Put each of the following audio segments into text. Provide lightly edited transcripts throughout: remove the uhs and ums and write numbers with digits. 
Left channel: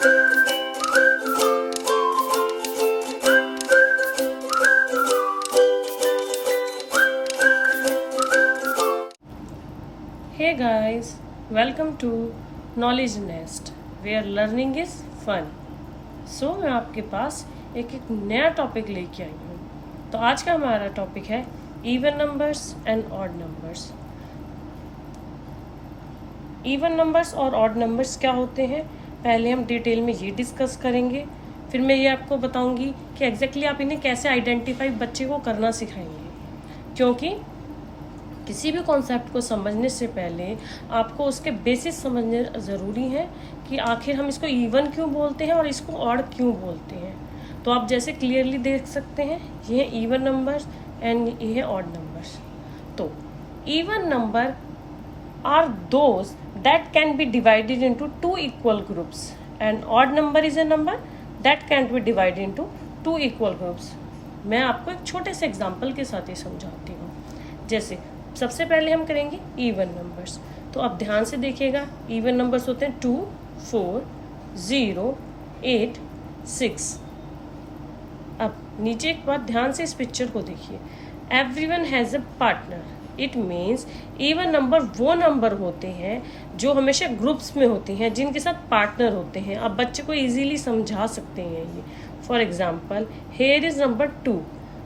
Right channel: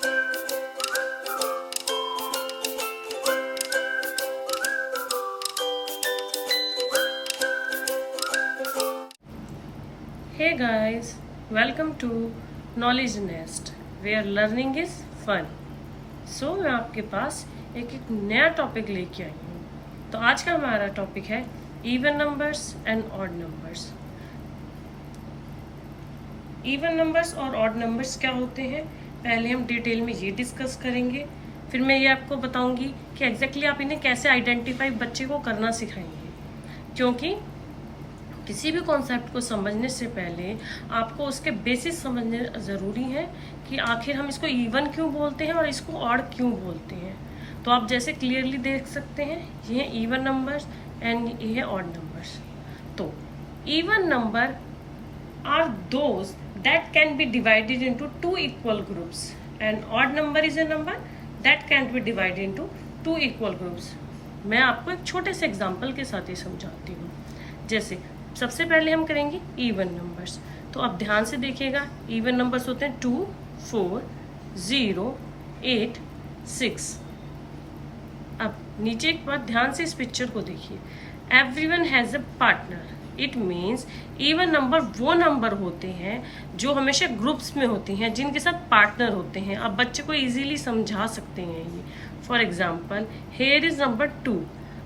Hey guys, welcome to Knowledge Nest where learning is fun. So मैं आपके पास एक नया टॉपिक लेके आई हूँ. तो आज का हमारा टॉपिक है even numbers and odd numbers. Even numbers और ऑड नंबर्स क्या होते हैं, पहले हम डिटेल में ये डिस्कस करेंगे. फिर मैं ये आपको बताऊंगी कि एग्जैक्टली आप इन्हें कैसे आइडेंटिफाई बच्चे को करना सिखाएंगे, क्योंकि किसी भी कॉन्सेप्ट को समझने से पहले आपको उसके बेसिस समझने ज़रूरी है कि आखिर हम इसको इवन क्यों बोलते हैं और इसको ऑड क्यों बोलते हैं. तो आप जैसे क्लियरली देख सकते हैं, ये है इवन नंबर्स एंड ये है ऑड नंबर्स. तो even number are those that can be divided into two equal groups and odd number is a number that can be divided into two equal groups. मैं आपको एक छोटे से example के साथ ही समझाती हूँ. जैसे सबसे पहले हम करेंगे इवन नंबर्स. तो अब ध्यान से देखिएगा, इवन नंबर्स होते हैं 2, 4, 0, 8, 6. अब नीचे एक बात ध्यान से इस पिक्चर को देखिए. Everyone has a partner. It means even number वो नंबर होते हैं जो हमेशा ग्रुप्स में होते हैं, जिनके साथ पार्टनर होते हैं. आप बच्चे को इजीली समझा सकते हैं ये. For example here is number 2.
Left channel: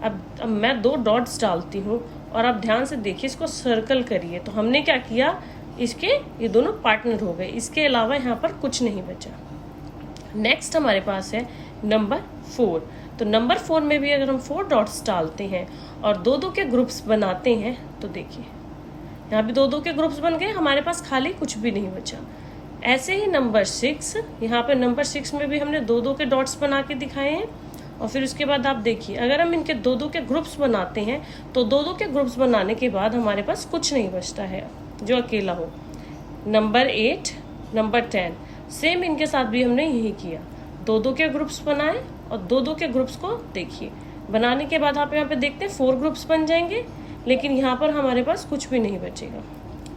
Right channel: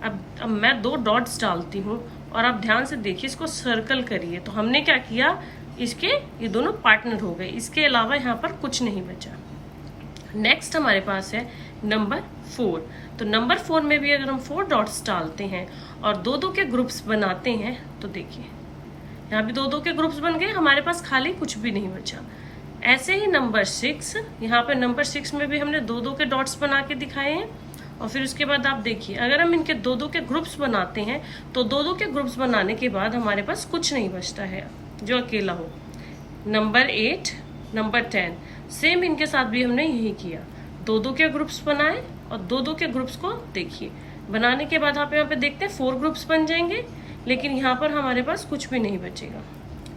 अब मैं 2 डॉट्स डालती हूँ और आप ध्यान से देखिए, इसको सर्कल करिए. तो हमने क्या किया, इसके ये दोनों पार्टनर हो गए. इसके अलावा यहाँ पर कुछ नहीं बचा. नेक्स्ट हमारे पास है नंबर 4. तो नंबर 4 में भी अगर हम 4 डॉट्स डालते हैं और 2-2 के ग्रुप्स बनाते हैं, तो देखिए यहाँ भी 2-2 के ग्रुप्स बन गए, हमारे पास खाली कुछ भी नहीं बचा. ऐसे ही नंबर 6, यहाँ पे नंबर 6 में भी हमने 2-2 के डॉट्स बना के दिखाए हैं. और फिर उसके बाद आप देखिए, अगर हम इनके 2-2 के ग्रुप्स बनाते हैं तो 2-2 के ग्रुप्स बनाने के बाद हमारे पास कुछ नहीं बचता है जो अकेला हो. नंबर 8, नंबर 10, सेम इनके साथ भी हमने यही किया. 2-2 के ग्रुप्स बनाए और 2-2 के ग्रुप्स को देखिए बनाने के बाद आप यहाँ पे देखते हैं 4 ग्रुप्स बन जाएंगे, लेकिन यहाँ पर हमारे पास कुछ भी नहीं बचेगा.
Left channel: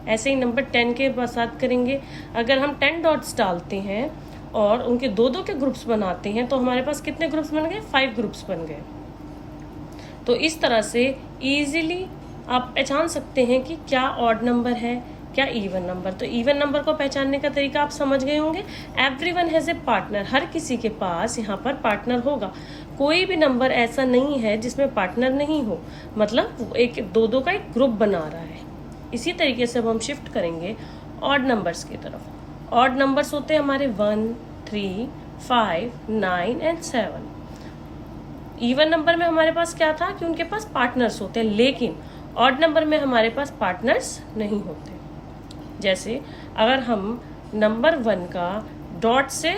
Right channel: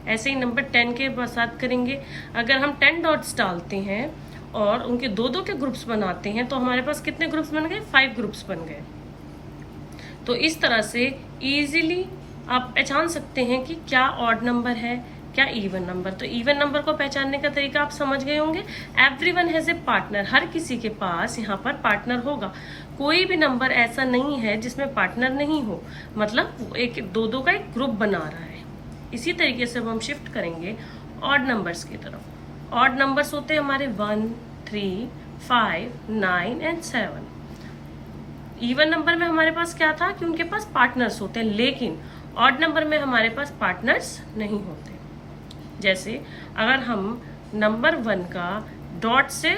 ऐसे ही नंबर 10 के साथ करेंगे. अगर हम 10 डॉट्स डालते हैं और उनके 2-2 के ग्रुप्स बनाते हैं तो हमारे पास कितने ग्रुप्स बन गए, 5 ग्रुप्स बन गए. तो इस तरह से इजीली आप पहचान सकते हैं कि क्या ऑड नंबर है, क्या इवन नंबर. तो इवन नंबर को पहचानने का तरीका आप समझ गए होंगे. Everyone has a partner. हर किसी के पास यहाँ पर पार्टनर होगा. कोई भी नंबर ऐसा नहीं है जिसमें पार्टनर नहीं हो, मतलब एक 2-2 का एक ग्रुप बना रहा है. इसी तरीके से अब हम शिफ्ट करेंगे ऑड नंबर्स की तरफ. ऑड नंबर्स होते हैं हमारे 1, 3, 5, 9 एंड 7. इवन नंबर में हमारे पास क्या था कि उनके पास पार्टनर्स होते हैं, लेकिन ऑड नंबर में हमारे पास पार्टनर्स नहीं होते. जैसे अगर हम नंबर 1 का डॉट से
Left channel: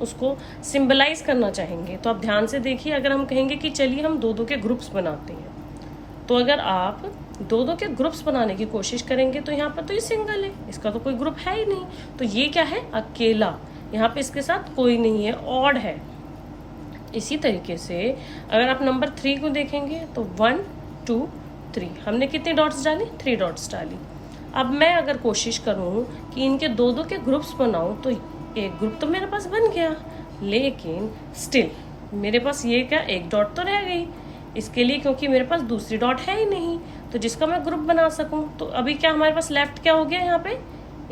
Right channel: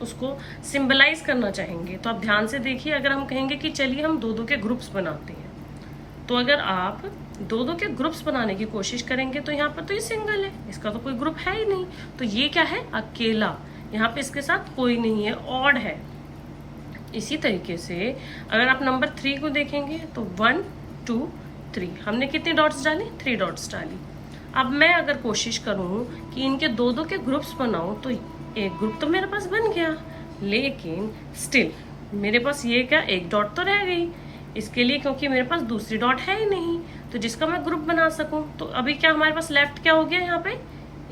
उसको सिंबलाइज करना चाहेंगे, तो आप ध्यान से देखिए. अगर हम कहेंगे कि चलिए हम 2-2 के ग्रुप्स बनाते हैं, तो अगर आप 2-2 के ग्रुप्स बनाने की कोशिश करेंगे तो यहाँ पर तो ये सिंगल है, इसका तो कोई ग्रुप है ही नहीं. तो ये क्या है, अकेला. यहाँ पे इसके साथ कोई नहीं है, ऑड है. इसी तरीके से अगर आप नंबर 3 को देखेंगे तो 1, 2, 3 हमने कितनी डॉट्स डाली, 3 डॉट्स डाली. अब मैं अगर कोशिश करूं कि इनके 2-2 के ग्रुप्स बनाऊं तो एक ग्रुप तो मेरे पास बन गया, लेकिन स्टिल मेरे पास ये क्या, एक डॉट तो रह गई. इसके लिए क्योंकि मेरे पास दूसरी डॉट है ही नहीं तो जिसका मैं ग्रुप बना सकूं. तो अभी क्या हमारे पास लेफ्ट क्या हो गया, यहाँ पे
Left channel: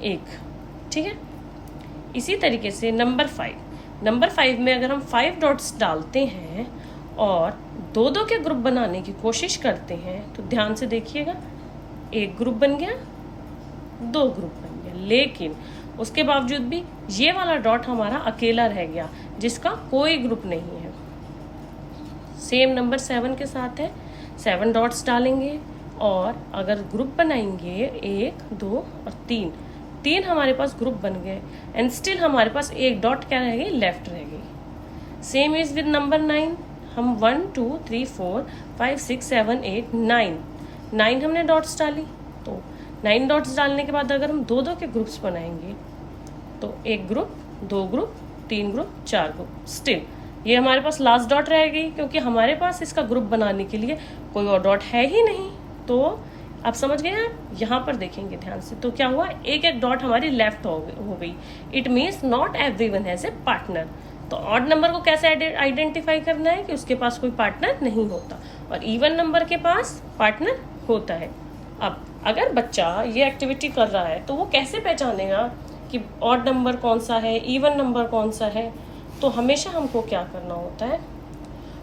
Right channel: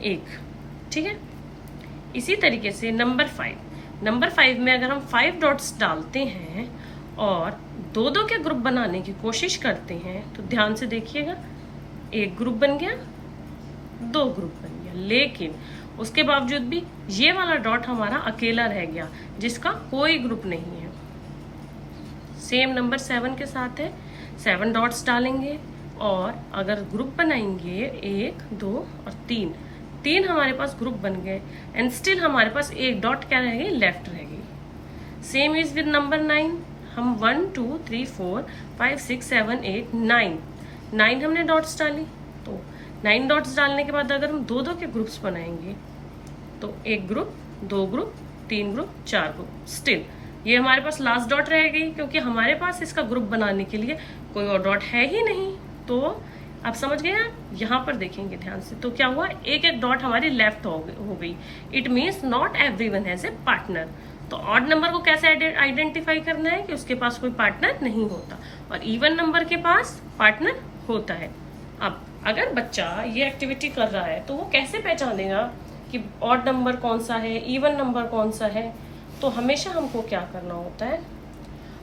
1. ठीक है. इसी तरीके से नंबर 5 में अगर हम 5 डॉट्स डालते हैं और 2-2 के ग्रुप बनाने की कोशिश करते हैं, तो ध्यान से देखिएगा, एक ग्रुप बन गया, 2 ग्रुप बन गया, लेकिन उसके बावजूद भी ये वाला डॉट हमारा अकेला रह गया जिसका कोई ग्रुप नहीं है. सेम नंबर 7 के साथ है. 7 डॉट्स डालेंगे और अगर ग्रुप बनाएंगे 1, 2 और 3 हमारे पास ग्रुप बन गए एंड स्टिल हमारे पास एक डॉट क्या रह गई, लेफ्ट रह गई. Same is with number 9. हम 1, 2, 3, 4, 5, 6, 7, 8, 9 हमने डॉट्स डाली. तो 9 डॉट्स डालने के बाद अगर हम 2-2 के ग्रुप्स बनाएंगे तो एक group, 2 group, 3 group, 4 group, still ये हमारे पास लास्ट डॉट रह गई, क्योंकि हमारे पास इसका ग्रुप बनाने के लिए कोई और डॉट है ही नहीं. तो आप समझ गए हैं? यहाँ पर देखेंगे ध्यान से, तो क्या हुआ, एक एक डॉट हमारी लेफ्ट हो गई। It means not everyone has a partner. तो ऑड नंबर को कैसे आइडेंटिफाई करना है कि उसके पास कोई पार्टनर नहीं होता, और इवन नंबर के पास पार्टनर होता है। अब अगर बच्चा ये एक्टिविटी कर रहा है तो वो कैसे पहचानेगा कि ऑड नंबर कौन सा है, इवन नंबर कौन सा है? तो हमेशा हमको क्या करना होता है,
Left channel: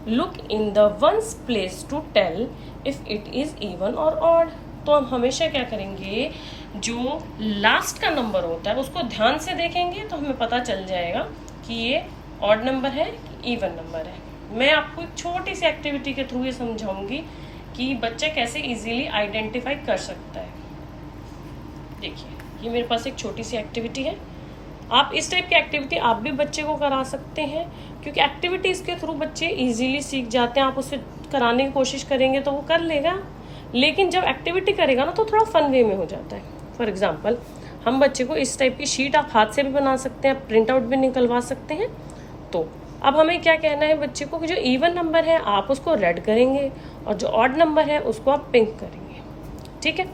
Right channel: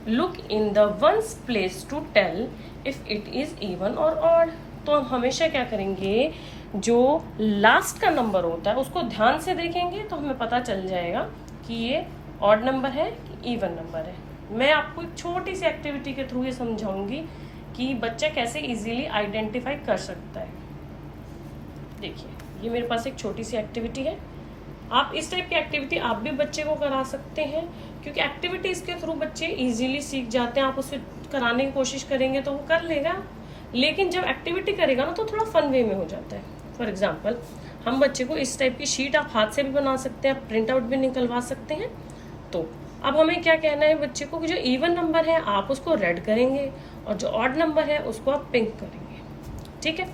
look in the ones place to tell if it is even और ऑड। तो हम हमेशा क्या करेंगे, जो लास्ट का नंबर होता है उसको ध्यान से देखेंगे तो हमें पता चल जाएगा कि ये ऑड नंबर है कि इवन नंबर है। मैं आपको एक छोटी सी एक्टिविटी के थ्रू ये समझाऊंगी कि बच्चा कैसे इजीली आइडेंटिफाई कर सकता है। देखिए, ये मेरे पास एक छोटी सी एक्टिविटी है। आप इस टाइप की एक्टिविटी आप भी बच्चे को करा सकते हैं, क्योंकि एक्टिविटीज के थ्रू बच्चे इजीली सीख जाते हैं। आप उसे कराने की कोशिश करेंगे तो वो कर लेगा, लेकिन जब एक्टिविटी करेगा ना तो थोड़ा फन वे में हो जाता है। फॉर एग्जाम्पल, हम बच्चे को इस टाइप की शीट आप हाथ से भी बना सकते हैं, प्रिंट आउट भी निकलवा सकते हैं। तो अब हमें क्या कहना है बच्चे को कि जो इवन नंबर है आप उसको रेड करेंगे और जो ऑड नंबर है उसको आप पिंक करेंगे। ठीक है,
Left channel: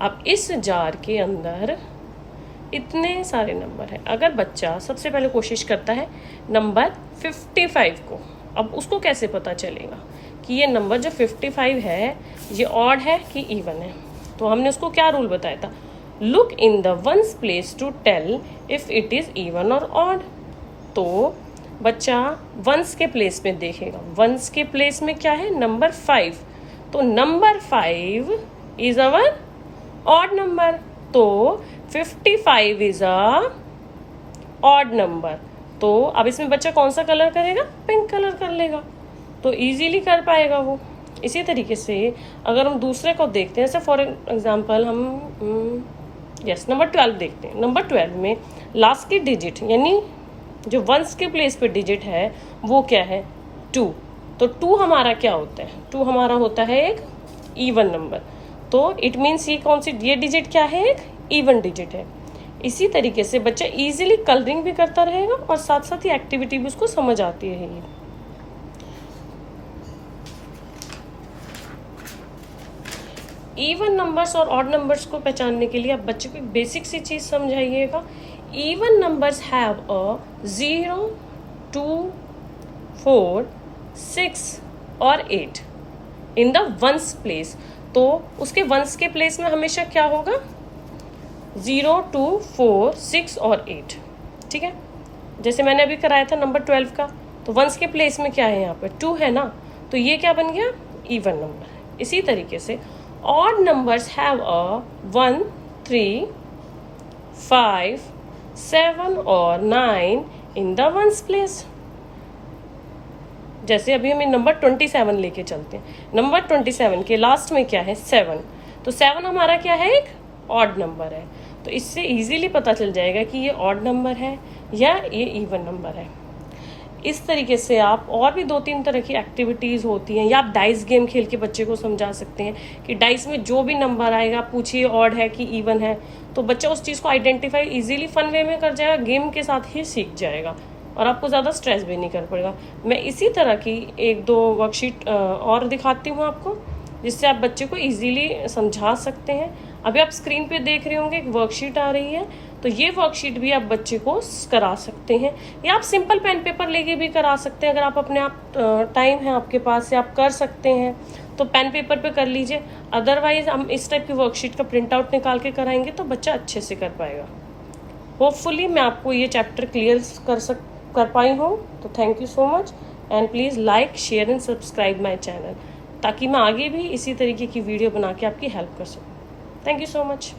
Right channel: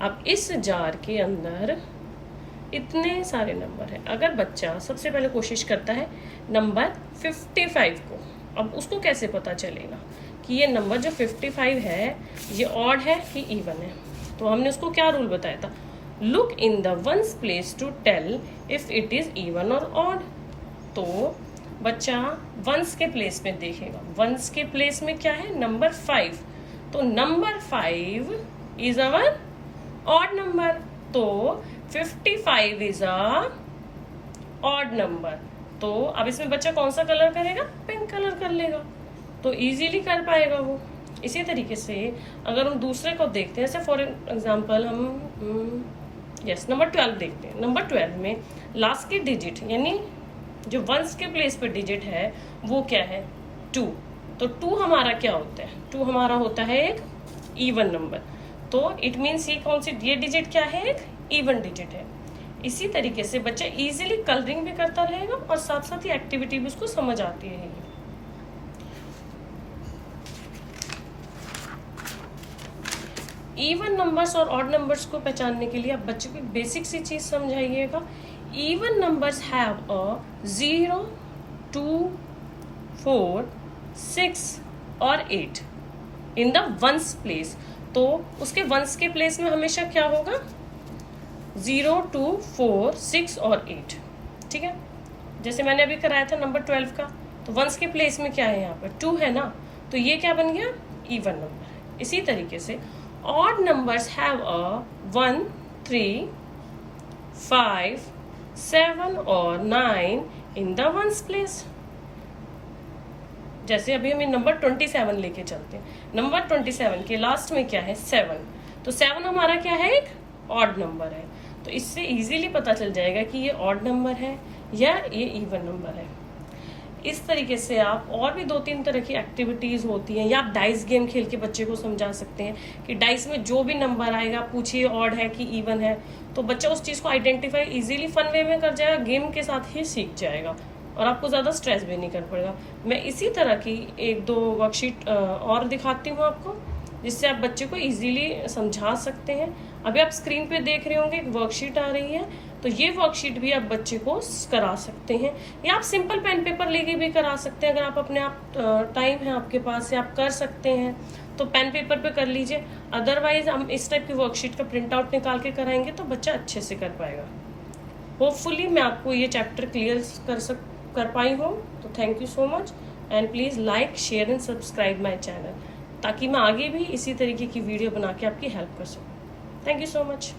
अब इस जार के अंदर इतने सारे नंबर हैं। अगर बच्चा सबसे पहले कोशिश करता है नंबर 55 को, अब उसको कैसे पता चलेगा कि ये नंबर जो 55 है ये ऑड है कि इवन है? तो हमने उसको क्या रूल बताया था, look in the ones place to tell if it is even और ऑड। तो बच्चा वंस के प्लेस में देखेगा, वंस के प्लेस में क्या है, नंबर 5। तो number 5 is our odd number, तो 55 इज अ ऑड नंबर। तो अब इसमें बच्चा कौन सा कलर करेगा, पिंक कलर कर लेगा, तो इजीली कर पाएगा वो। इसी तरीके से अगर हम दूसरे को देखते हैं, जैसे फॉर एग्जांपल हम नंबर 12 देखते हैं। नंबर 12 में लास्ट की डिजिट यानी जो वंस के प्लेस पे डिजिट है वो क्या है, 2। तो 2 हमारा क्या होता है, 2 हमारा होता है एक इवन नंबर। तो इट मीन्स ये डिजिट क्या है, एक इवन डिजिट है। इसी तरीके से बच्चा इजीली कलरिंग भी करता रहेगा और साथ साथ ही एक्टिविटी भी उसको समझ आती रहेगी। इवन नंबर्स और ऑड नंबर्स को पहचानने के लिए आप बच्चे को बेसिक सी चीज समझाइएगा। इवन नंबर्स हैव अ 0, 2, 4, 6 और 8 इन द वंस प्लेस। तो उसके वंस के प्लेस में हमेशा क्या होगा, 0, 2, 4, 6 और 8। ठीक है, जैसे मैंने अभी कराया था नंबर 12 का, तो वंस के प्लेस में क्या है, यहाँ पर 2 है ना, तो ये क्या बन गया, इवन नंबर है। इसी तरीके से ऑड नंबर्स हैव अ 1, 3, 5, 7 और 9 इन द वंस प्लेस। जैसे अभी हम नंबर 27 लेके चलते हैं। नंबर 27 के लास्ट में क्या है, 7। तो 7 हमारा क्या है, एक ऑड नंबर है। तो इससे इजीली पता चल जाएगा कि ये ऑड नंबर है या ये इवन नंबर है। इस तरीके से आप और भी 2-3 तरह की एक्टिविटीज़ होती हैं, या आप डाइस गेम खेल के बच्चे को समझा सकते हैं कि डाइस में जो भी नंबर आएगा पूछिए ऑड है कि इवन है, तो बच्चा उस चीज़ को आइडेंटिफाई इजीली फन वे में कर जाएगा, गेम के साथ ही सीख जाएगा और आपको ज़्यादा स्ट्रेस भी नहीं कर पड़ेगा। मैं इसी तरह की 1-2 वर्कशीट और दिखाती हूँ आपको, जिससे आप बच्चे को इजीली समझा सकते हैं। अभी आप स्क्रीन पे देख रहे होंगे एक वर्कशीट आ रही है, तो ये वर्कशीट भी आप बच्चे को करा सकते हैं, या आप सिंपल पेन पेपर लेके भी करा सकते हैं। अगर आप अपने आप टाइम है आपके पास से आप कर सकते हैं तो पेन पेपर पे कर लीजिए। अदरवाइज हम इस टाइप की वर्कशीट का प्रिंट आउट निकाल के कराएंगे तो बच्चा अच्छे से कर पाएगा। होपफुली मैं आपको ये चैप्टर क्लियर कर पाई हूँ। तो thank you so much and please like, share and subscribe my channel, ताकि मैं आगे भी इसी तरीके की वीडियो बना के आपकी हेल्प कर सकूँ। Thank you so much.